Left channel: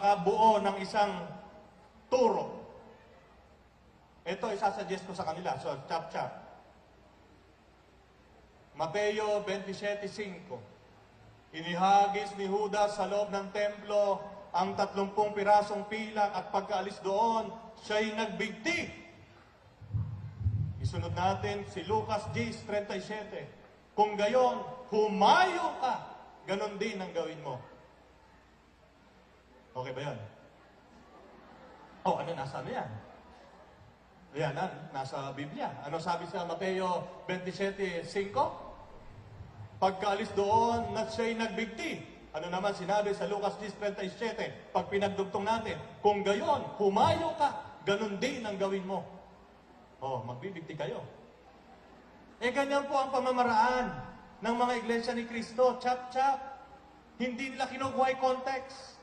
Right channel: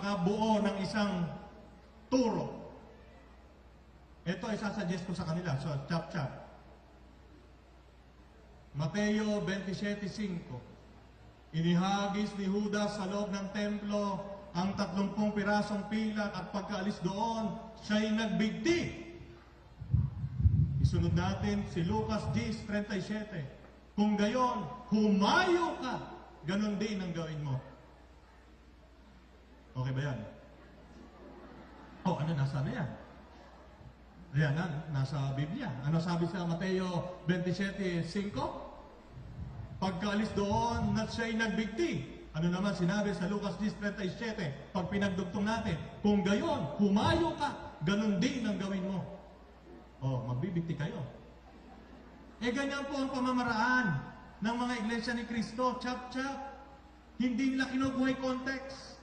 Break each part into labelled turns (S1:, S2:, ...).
S1: makabuo ng isang turo. Ito, isasuggest ko sa kanila. So, chap-chap. Mateo 27.5 Inihagis ni Judas sa loob ng templo ang tatlumpung pirasong pilak at pagkaalis doon, siya'y nagbigti. Isunod natin si Lucas 10.37 Kung gayon, humayo ka. Ganon din ang gawin mo. Okay ba yan? Oh, ano, nasa na yan? Yan, na, nasa Biblia. Ano sabi sa Mateo 27.5? Pagkaalis doon, na siya'y nagbigti. Ano naman sinabi sa Lucas 10.37? Pag pinagdugtong natin, kung gayon, humayo ka, ganun din ang gawin mo. Oh, magbibigti kayo. Eh, ganyan po ang pamamaraan ng mga iglesia ni Kristo. Chap-chap. Hindi nila kinukuha yung context.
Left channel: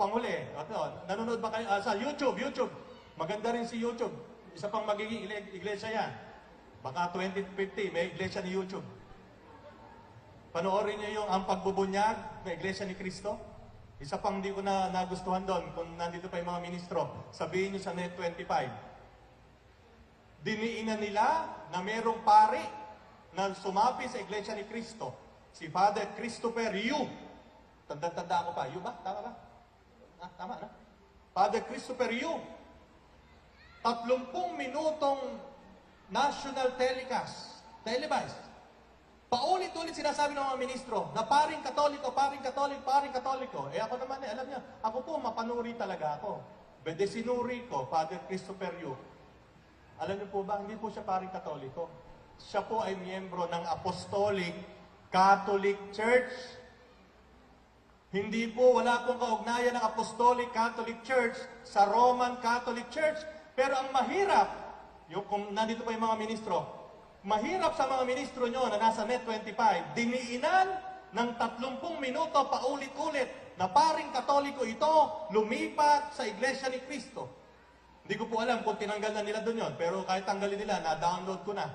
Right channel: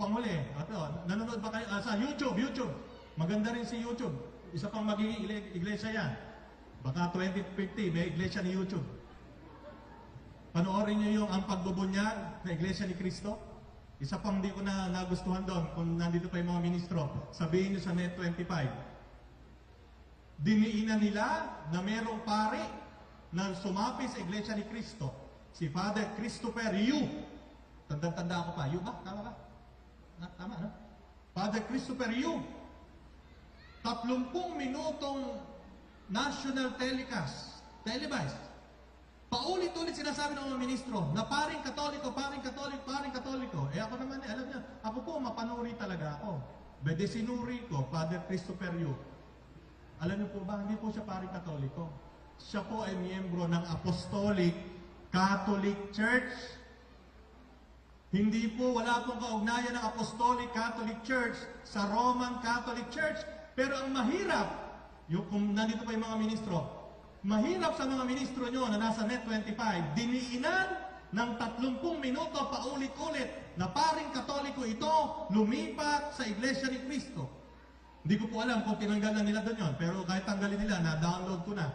S1: Panghuli, ito, nanonood ba kayo ah, sa YouTube? YouTube. Maganda rin si YouTube. Isa pang magiging iglesia yan. Baka 2050, may iglesia ni YouTube. Panoorin niyo yung ang pagbubunyag na iglesia ni Kristo. Isa pang hindi ko na nagustuhan doon, kung nandito pa yung mga ministro, sabihin niyo sa Net 25. Diniinan nila na merong pari na sumapi sa iglesia ni Kristo. Si Father Christopher Yu. Tanda-tanda ako pa. Yu ba? Tama ba? Ah, tama, no? Father Christopher Yu. Tatlumpung minutong national telecast, televised. Paulit-ulit sinasabi ng mga ministro na paring katoliko, paring katoliko, paring katoliko. Eh ako naman, eh, alam niya, ako po mapanuri talaga ako. Bede sinuri ko, Father Christopher Yu. Alam niyo po ba, hindi po siya paring katoliko. Siya po ay miyembro ng Apostolic Catholic Church. Hindi po, wala pong kaugnayan ng Apostolic Catholic Church sa Roman Catholic Church. Pero ang mahirap, yung kung nandito pa yung mga ministro, mahirap sa mga ministro nyo na nasa Net 25, diniinan ng 30 minuto paulit-ulit na paring katoliko ito lumipat sa Iglesia ni Cristo. Hindi ko po alam kung tinanggal na nila doon yon, pero kahit tanggalin nila, na-download ko na.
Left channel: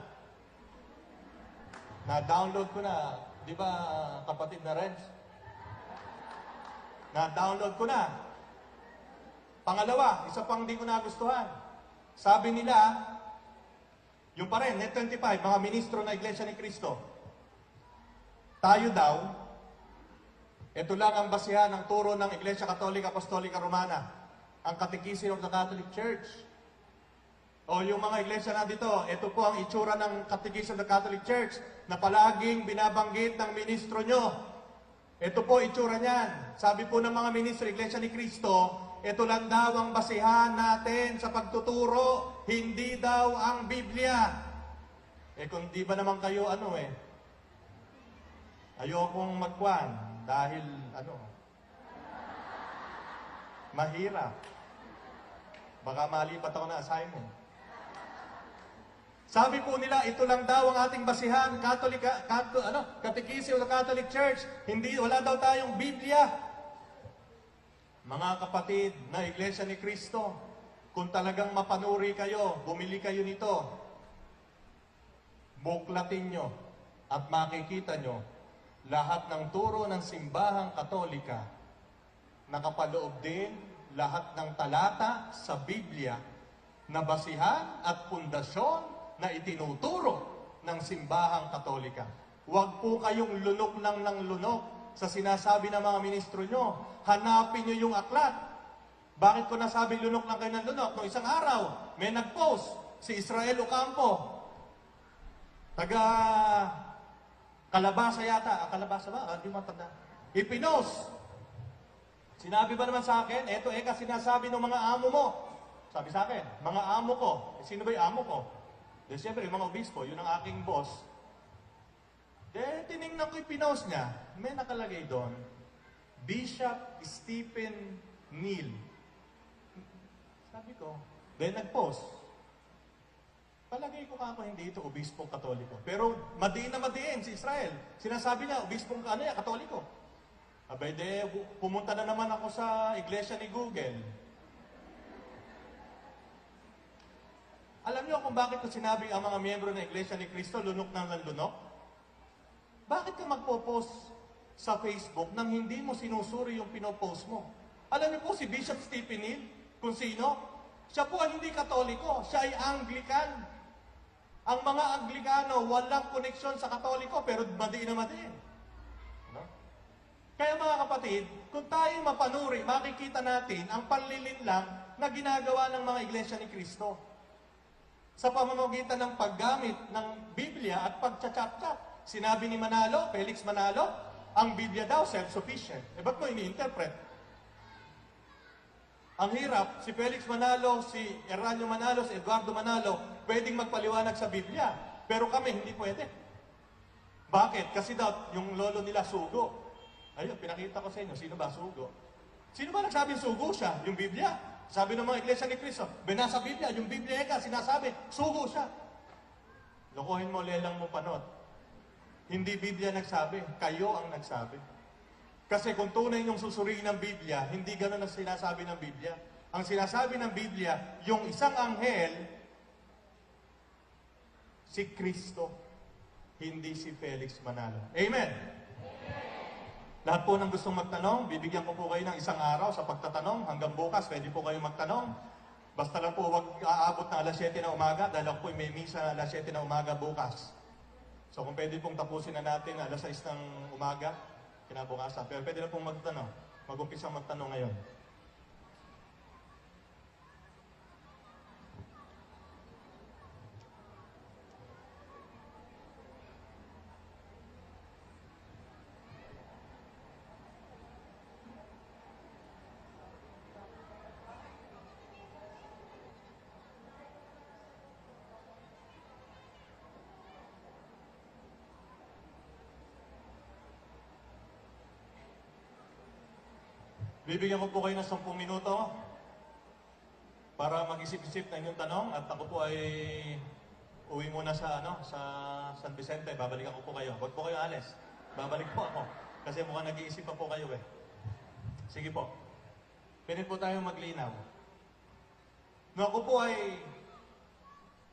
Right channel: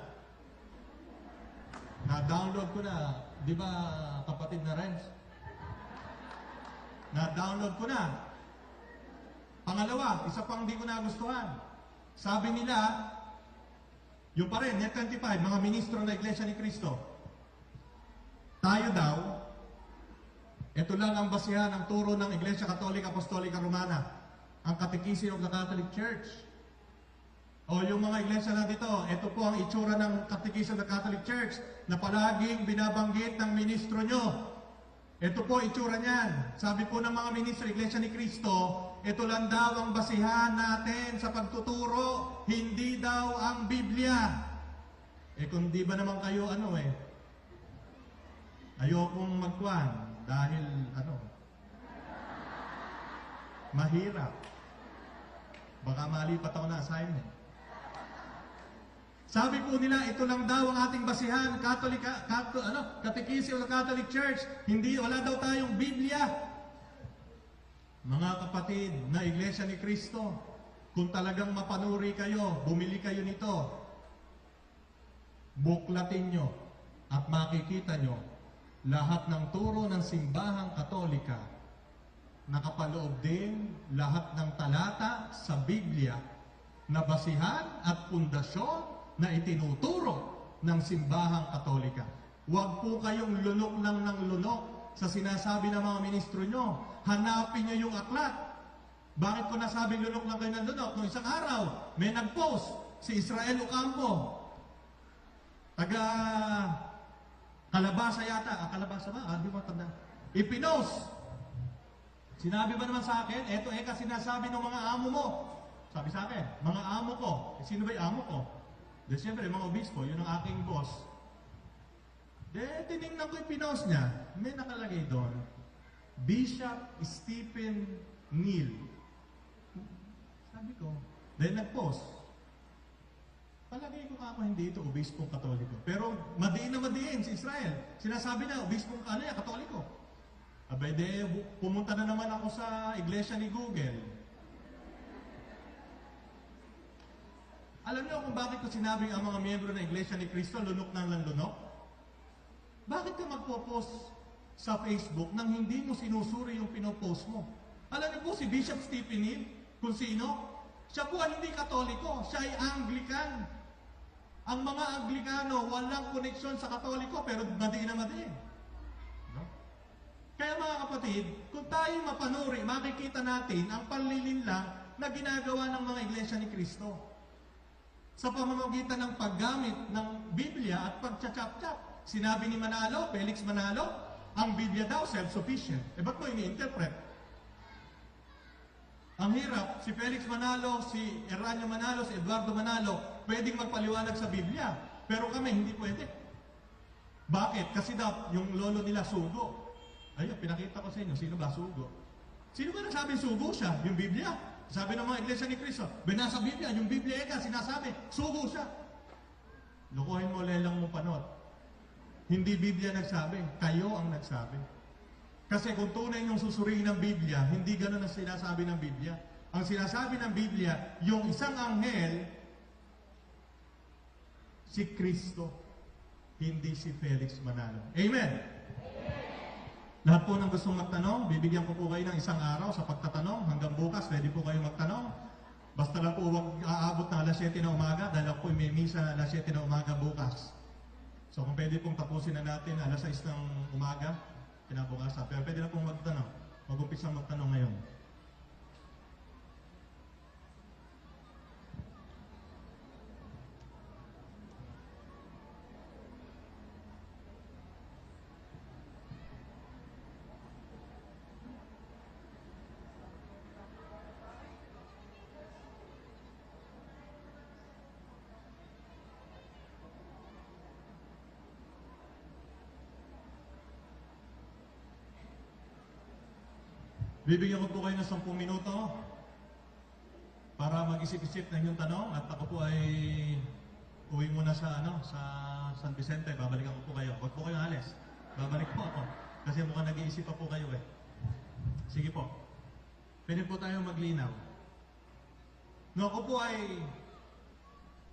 S1: Na-download ko na. Di ba, kapatid na Renz? Na-download ko na. Pangalawa, isa pang di ko nagustuhan. Sabi nila, yung pa rin, Net 25, mga ministro na Iglesia ni Cristo. Tayo daw, ito lang ang basihan ng turo ng Iglesia Katolika Apostolika Romana, ang Catechism of the Catholic Church. O yung mga iglesia na dito, ito po ang itsura ng Catechism of the Catholic Church na palaging binabanggit ng ministro nyo. Ito po itsura niyan. Sabi po ng mga ministro, Iglesia ni Cristo, ito lang daw ang basihan natin sa pagtuturo, hindi daw ang Biblia. Eh kung di ba naman kayo ano eh, ayokong magkwan dahil ano, mahirap. Baka malipat ako na assignment. Sabi po nila, ito lang daw ang ating basihan, Catholic, Catholic ano, Catechism the Catholic Church. Hindi, wala daw tayong Biblia. Mga kapatid na Iglesia ni Cristo, kung talagang mapanuri kayo, bumili kayo nito, buklatin nyo at makikita nyo lahat ng turo ng simbahang katolika nakapaloob din lahat ng talata sa Biblia na basihan at pundasyon na itinuturo ng simbahang katolika. Huwag po kayong lunok lang ng lunok sa sinasabi ng mga ministro nyo. Hanapin nyo yung aklat. Bakit ko nasabi lunok lang kayo ng lunok? Noong isang araw, may nag-post si Israel Ocampo. Taga Kalabasa yata. Ah, Kalabasa ba? Ah, hindi mo matanda. Ipinos. Sinabi ba naman sa akin, eto eka sinasabi ng mga amo mo. Sabi sa akin, mga amo ko. Eh, sino ba yung amo ko? De, siyempre, mga obispo, yun ang aking boss. De, tinignan ko yung pinost niya. May nakalagay doon, Bishop Stephen Neal. Sabi ko, dahil nag-post, palagay ko kako hindi ito obispong katoliko. Pero madiin na madiin si Israel. Sinasabi niya, obispong ano yan, katoliko. Abay de, pumunta na naman ako sa iglesia ni Google. Alam niyo kung bakit ko sinabing ang mga miyembro ng iglesia ni Cristo lunok ng lunok? Bakit ka magpo-post sa Facebook nang hindi mo sinusuri yung pinopost mo. Alam niyo po si Bishop Stephen Hill, kung sino, siya po ay hindi katoliko, siya ay Anglican. Ang mga Anglikano, walang koneksyon sa katoliko, pero madiin na madiin. Kaya mga kapatid, kung tayo mapanuri, makikita natin ang panlilinlang na ginagawa ng mga iglesia ni Kristo sa pamamagitan ng paggamit ng Biblia at pagchachap-chap. Sinabi ni Manalo, Felix Manalo, ang Biblia daw self-sufficient. Eh ba't mo ini-interpret? Ang hirap, si Felix Manalo, si Eranio Manalo, si Eduardo Manalo, pwedeng magpaliwanag sa Biblia. Pero kami, hindi pwede. Bakit? Kasi daw, yung lolo nila sugo. Ayun, pinakita ko sa inyo, sino ba sugo? Sino ba nagsabing sugo siya? Yung Biblia. Sabi ng mga iglesia ni Cristo, binasa Biblia, yung Biblia eka, sinasabi, sugo siya. Lokohin mo, lelang mong panot. Hindi Biblia nagsabi, kayo ang nagsabi. Kasi kung tunay yung susuriin ng Biblia, hindi ganun ang sinasabi ng Biblia. Ang sinasabi ng Biblia, yung isang anghel, si Kristo, hindi si Felix Manalo. Amen! Lahat po ng gustong magtanong, bibigyan ko po kayo ng isang araw sa pagtatanong. Hanggang bukas, pwede po kayo magtanong. Basta lang po huwag aabot ng alas 7 na umaga dahil ako po may misa na alas 7 na umaga bukas. So kung pwede pong tapusin na natin alas 6 ng umaga, kinabukasan. Pero pwede na pong magtanong. Mag-umpisang magtanong ngayon. Bibigyan ko po kayo ng 10 minuto para mag-isip-isip ng inyong tanong at ako po ay uwi muna sa ano sa San Vicente. Babalikan ko po kayo. Huwag po kayo alis. Babalik po ako. Kasi mukhang nag-iisip pa po kayo eh. Sige po. Pwede po tayo maglinaw. No ako po ay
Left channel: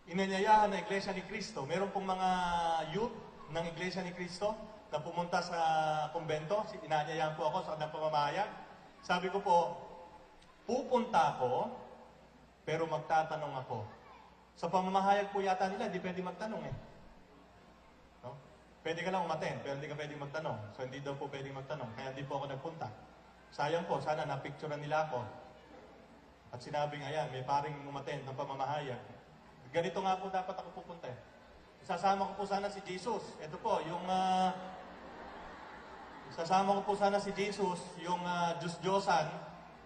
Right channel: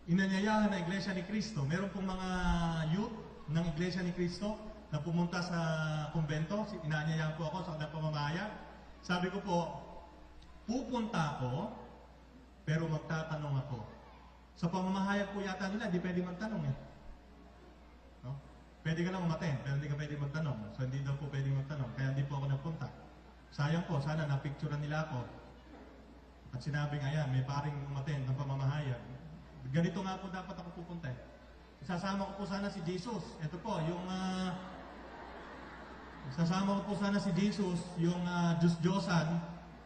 S1: inanyayahan na Iglesia ni Cristo. Meron pong mga youth ng Iglesia ni Cristo na pumunta sa kumbento. Inanyayahan po ako sa kanilang pamamayag. Sabi ko po, pupunta ako, pero magtatanong ako. Sa pamamahayag po yata nila, hindi pwede magtanong eh. No? Pwede ka lang umaten, pero hindi ka pwede magtanong. So hindi daw po pwede magtanong, kaya hindi po ako nagpunta. Sayang po, sana napicturean nila ako. At sinabing, ayan, may paring umaten ng pamamahayag. Ganito nga po dapat ako pupunta eh. Isasama ko po sana si Jesus. Ito po, yung... ah, Sasama ko po sana si Jesus, yung uh, Diyos-Diyosan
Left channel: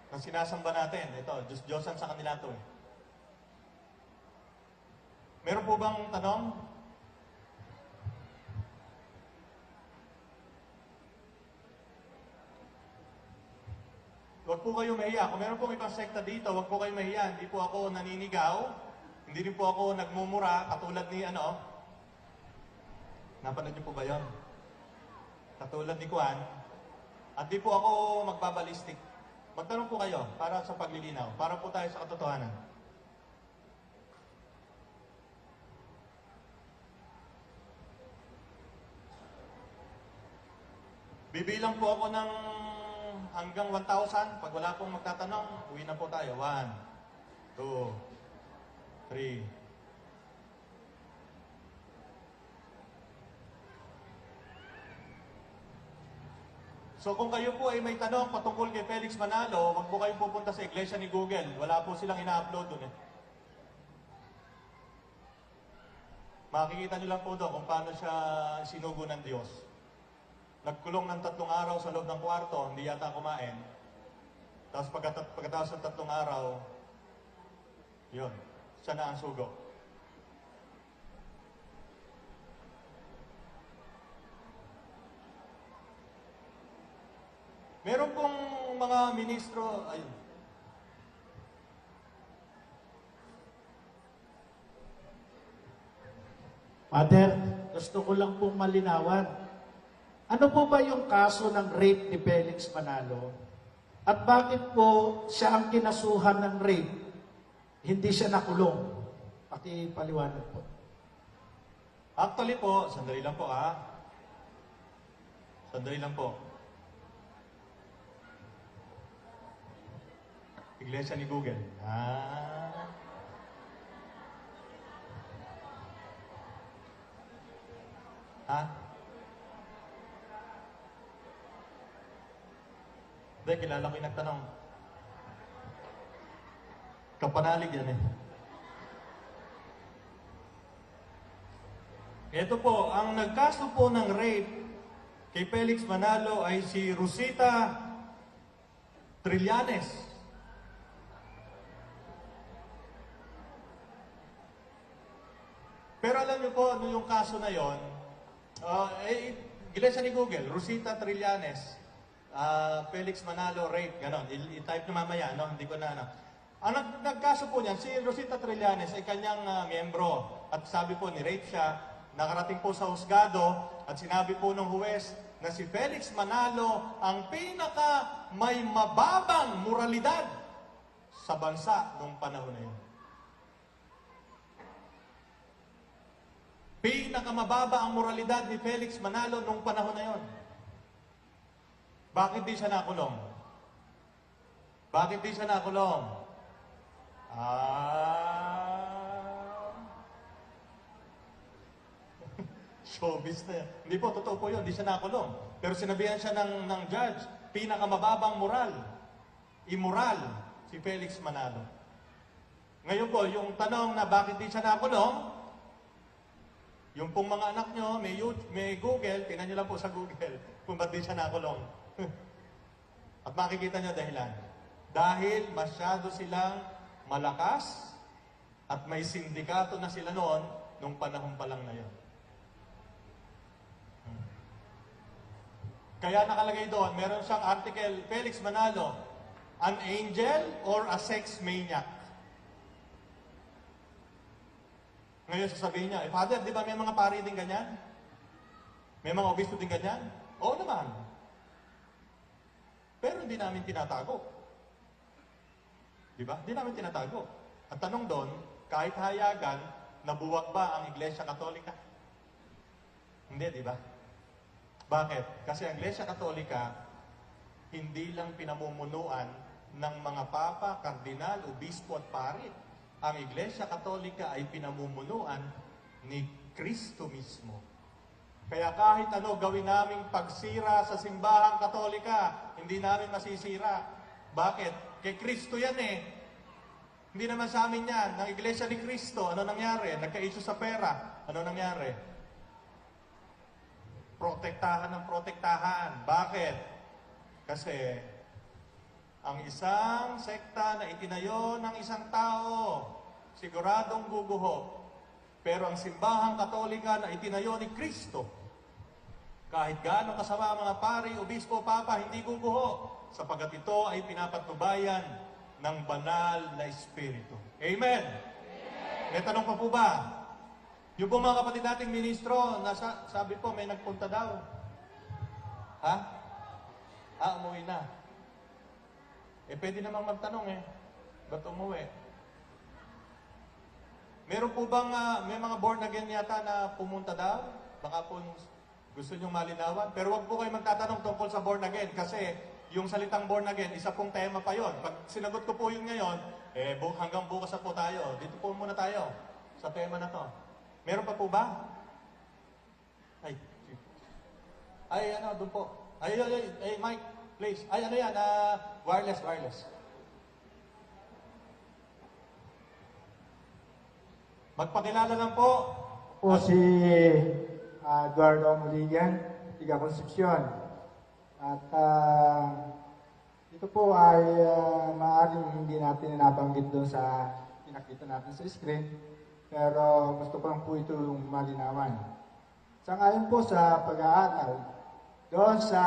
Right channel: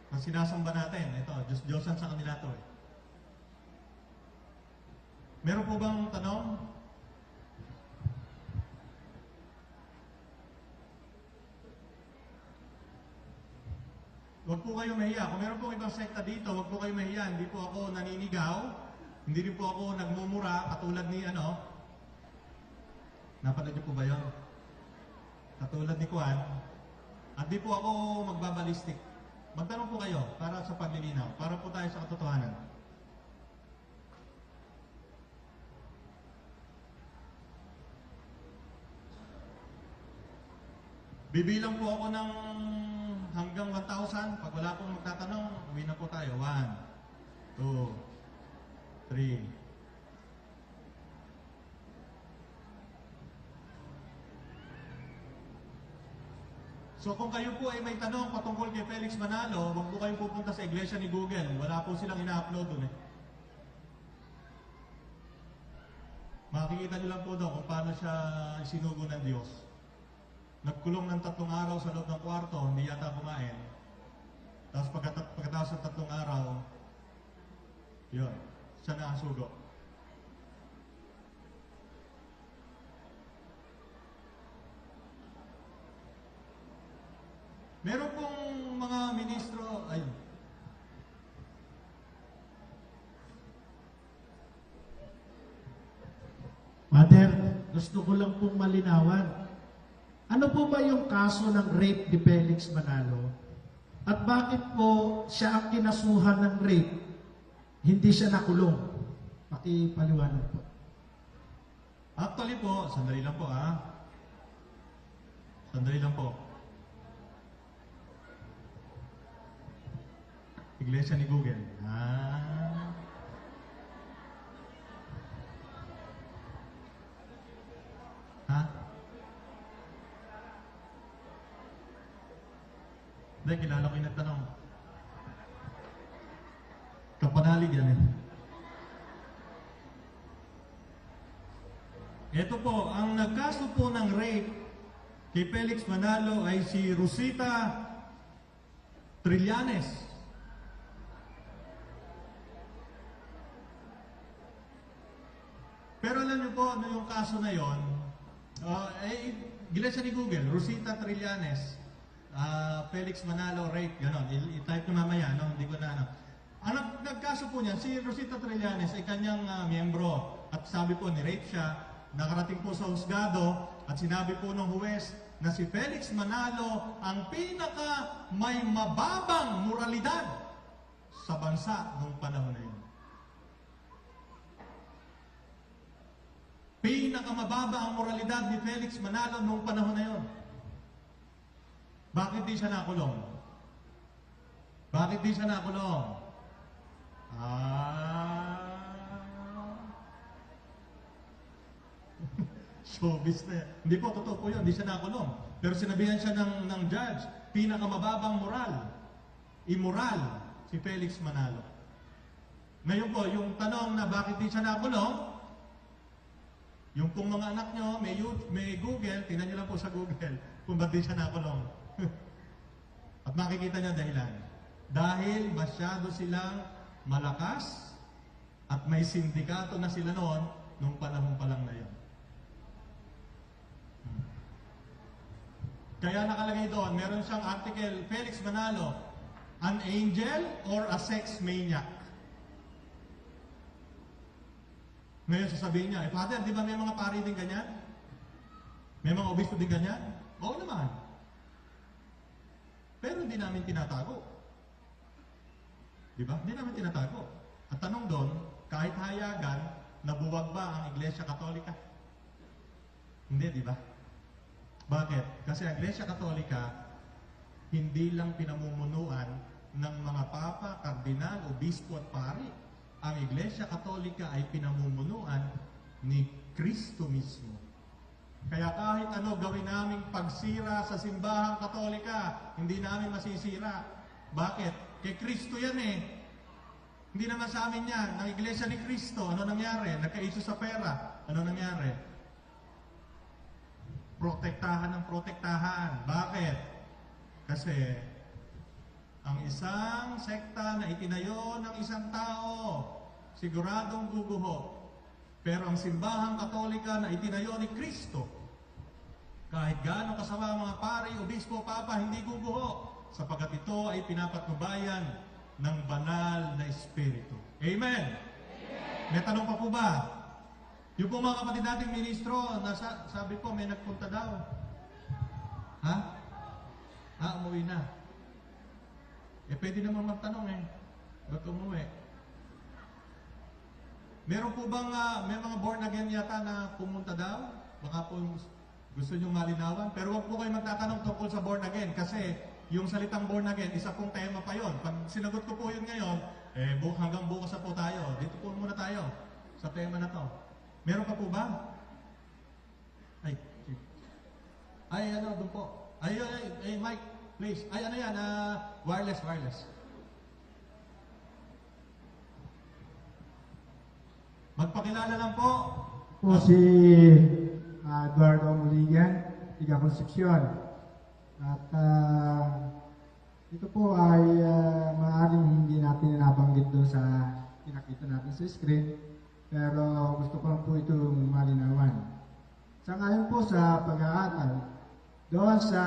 S1: na sinasamba natin. Ito, Diyos-Diyosan sa kanila to eh. Meron po bang tanong? Huwag po kayo mahiya. Kung meron pong ibang sekta dito, huwag po kayo mahiya. Hindi po ako naninigaw. Hindi rin po ako nagmumura katulad ni ano. Napanood niyo po ba yon? Katulad ni Juan, at di po ako magbabalistik. Magtanong po kayo para sa paglilinaw, para po tayo sa katotohanan. Bibilang po ako ng hanggang 1,000. Pag wala pong magtatanong, uwi na po tayo. 1, 2, 3, So kung kayo po ay may tanong patungkol kay Felix Manalo, wag po kayong pupunta sa iglesia ni Google. Wala po silang ina-upload doon eh. Makikita nyo lang po doon kung paano siya sinugo ng Diyos. Nagkulong ng tatlong araw sa loob ng kwarto, hindi yata kumain. Tapos pagkat- pagkatapos ng tatlong araw, yun, siya na ang sugo. Meron pong mga ministro, ayun,
S2: Father, gusto ko lang pong malinawan. Ano po ba yung kaso ng rape ni Felix Manalo? At bakit po siya ang kinasuhan ng rape? Hindi siya nakulong. Pakipaliwanag po.
S1: Actually po, sandali lang po ah. Sandali lang po. Iglesia ni Google. Ah. Ha? Hindi, kilala ko yung nagtanong. Kapanalig yan eh. Ito po, ang nagkaso po ng rape kay Felix Manalo ay si Rosita Trillanes. Alam niyo po, ano yung kaso na yon, uh, eh, Iglesia ni Google, Rosita Trillanes, ah, Felix Manalo, rape, ganon. I-type niyo mamaya, no? Hindi ko na, ano. Ang nag nagkaso po niyan, si Rosita Trillanes ay kanyang ah, miyembro. At sabi po, ni-rape siya, nakarating po sa husgado, at sinabi po ng huwes na si Felix Manalo ang pinaka may mababang moralidad sa bansa nung panahon na yun. Pinakamababa ang moralidad ni Felix Manalo nung panahon na yon. Bakit di siya nakulong? Bakit di siya nakulong? Ah... Showbiz na yan. Hindi po, totoo po yun. Hindi siya nakulong. Pero sinabihan siya ng, ng judge, pinakamababang moral, immoral, si Felix Manalo. Ngayon po, yung tanong na bakit di siya nakulong, yung pong mga anak nyo, may, YouTube, may Google, tingnan nyo lang po sa Google kung ba't di siya nakulong. At makikita nyo dahilan. Dahil masyado silang malakas at may sindikato na sila noon nung panahon pa lang na yun. Hmm. Kaya nakalagay doon, meron siyang article, Felix Manalo, an angel or a sex maniac? Ngayon sasabihin niya, eh Father, di ba may mga pari din ganyan? May mga obispo din ganyan? Oo naman. Pero hindi namin tinatago. Di ba? Hindi namin tinatago. At tanong doon, kahit hayagan, nabuwag ba ang Iglesia Katolika? Hindi, di ba? Bakit? Kasi ang Iglesia Katolika, hindi lang pinamumunuan ng mga papa, kardinal, obispo at pari. Ang Iglesia Katolika ay pinamumunuan ni Kristo mismo. Kaya kahit ano gawin naming pagsira sa simbahang katolika, hindi namin masisira. Bakit? Kay Kristo yan eh. Hindi naman sa amin yan. Ng Iglesia ni Kristo, ano nangyari? Nagka-issue sa pera. Ano nangyari? Protektahan ng protektahan. Bakit? Kasi ang isang sekta na itinayo ng isang tao, siguradong guguho. Pero ang simbahang katolika na itinayo ni Kristo, kahit gaano kasama mga pari, obispo, papa, hindi guguho. Sapagat ito ay pinapatnubayan ng banal na espiritu. Amen? May tanong pa po ba? Yung po mga kapatid nating ministro, nasa, sabi po may nagpunta daw. Ha? Ah, umuwi na. Eh, pwede namang magtanong eh. Ba't umuwi? Meron po bang, ah, may mga born again yata na pumunta daw? Baka po gusto nyong malinawan. Pero wag po kayo magtatanong tungkol sa born again kasi yung salitang born again, isa pong tema pa yon. Pag sinagot ko po yun ngayon, eh, bu- hanggang bukas na po tayo. Dito po muna tayo sa tema na to. Meron pa po ba? Ay, ay, ano, doon po. Ay, ay, ay, ay, Mike, please. Ay, ano yan, ah, wireless, wireless. Magpakilala lang po.
S3: po si ah, Eduardo Muligan, tiga Concepcion. At ah, ito po ay ah, maaaring hindi natin nabanggit doon sa pinakita natin sa screen, pero gusto ko lang po itong malinawan. Sa ngayon po sa pag-aatal, doon sa